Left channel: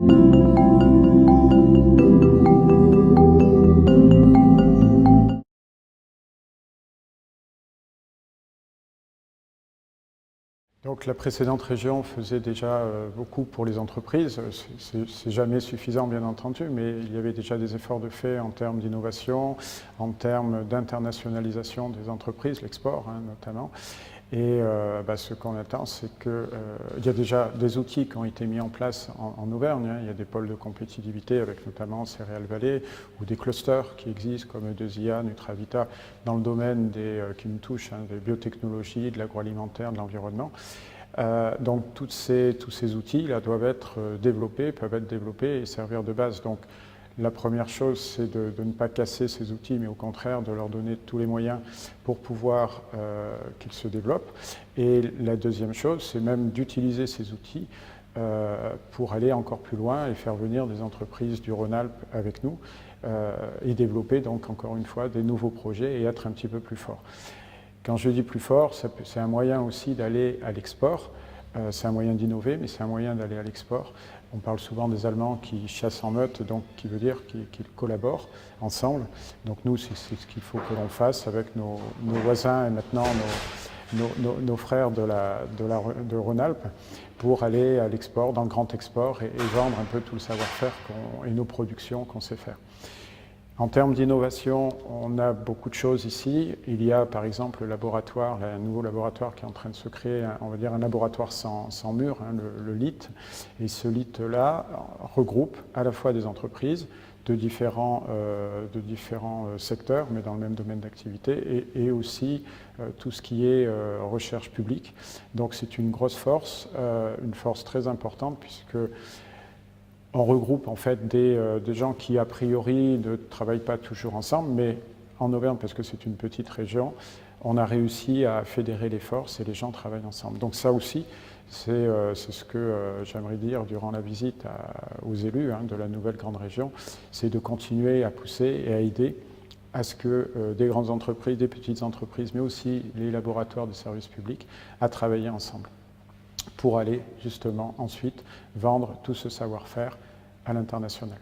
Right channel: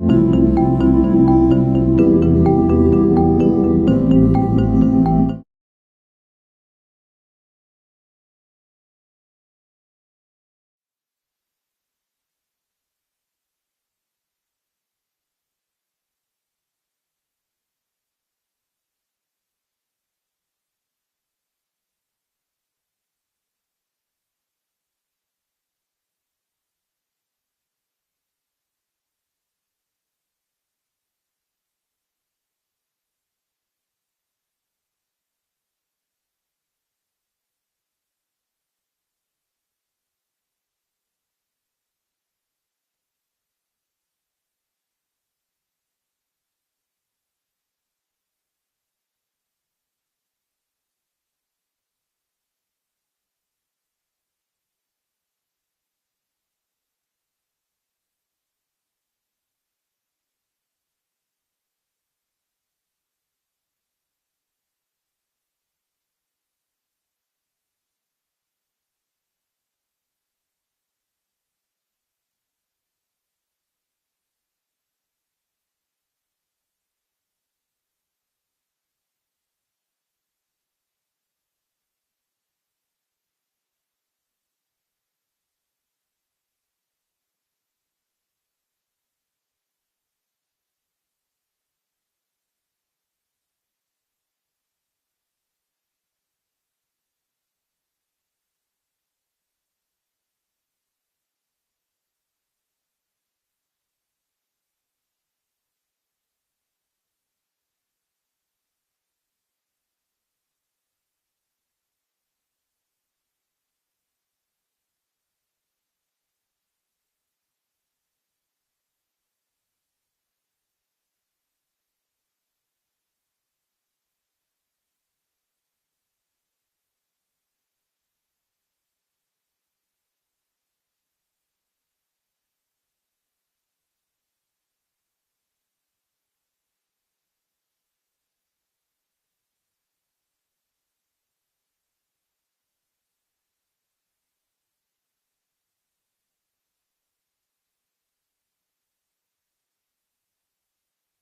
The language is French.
Donc la précédente région faisait déjà beaucoup pour les entreprises. C'est jamais suffisant, bien entendu, mais il y avait déjà des efforts de fait en termes d'innovation, en termes d'internationalisation des entreprises, l'export notamment. Et ce qu'on attend, c'est qu'il y a déjà des outils qui ont été mis en place en Auvergne. Il y a des pôles de compétitivité avec notamment Céréales Vallée ou des clusters qui existent comme E2IA, Nutravita, dans le domaine qui nous touche, des biotechnologies, de l'agroalimentaire, de l'environnement. Donc tous ces outils-là doivent être développés, peuvent être développés et servir de base. Donc la première chose, c'est de ne pas casser ces outils, mais au contraire de leur donner tous les moyens pour pouvoir qu'ils se développent. Et la deuxième chose, c'est même d'utiliser ces outils pour aller encore plus loin et faire venir des entreprises du Rhône-Alpes avec nous et développer donc encore une fois des nouveaux projets et être un petit peu plus fort. Quand je dis plus fort, c'est un moyen aussi d'aller à l'export. C'est un moyen d'innover, mais c'est un moyen d'aller à l'export. On parle souvent des Allemands qui chassent en meute, donc qui veut dire qu'ils collaborent ensemble. Donc nous, c'est ce qu'il faut que l'on fasse avec nos voisins et maintenant nos frères de Rhône-Alpes pour aller à l'export, dans le grand export et vendre un peu tout le savoir-faire et nos productions qu'on sait faire. En termes d'innovation, on a beaucoup de choses ici. Il y a par exemple le laboratoire, un nouveau laboratoire qui est en train de se créer, on va dire un laboratoire sans mur, le LIT. Et ce LIT-là regroupe à la fois des entreprises de différents secteurs, mais dans le même domaine d'activité, et aussi tout ce qui est recherche publique. Donc c'est une grosse force, une force très importante, puisque on regroupe en fait des gens qui a priori ne travaillent pas toujours ensemble, mais en Auvergne, parce que c'est une petite région, on a réussi à fédérer les forces et les gens travaillent ensemble. Donc ça aussi, c'est ce que j'aimerais dire durant la visite aux élus de la nouvelle grande région, c'est de continuer à pousser et à aider à ce que des grandes entreprises, des petites entreprises, mais aussi les laboratoires de services publics, à travailler ensemble pour aller justement ensuite vendre tout ce savoir-faire à l'international.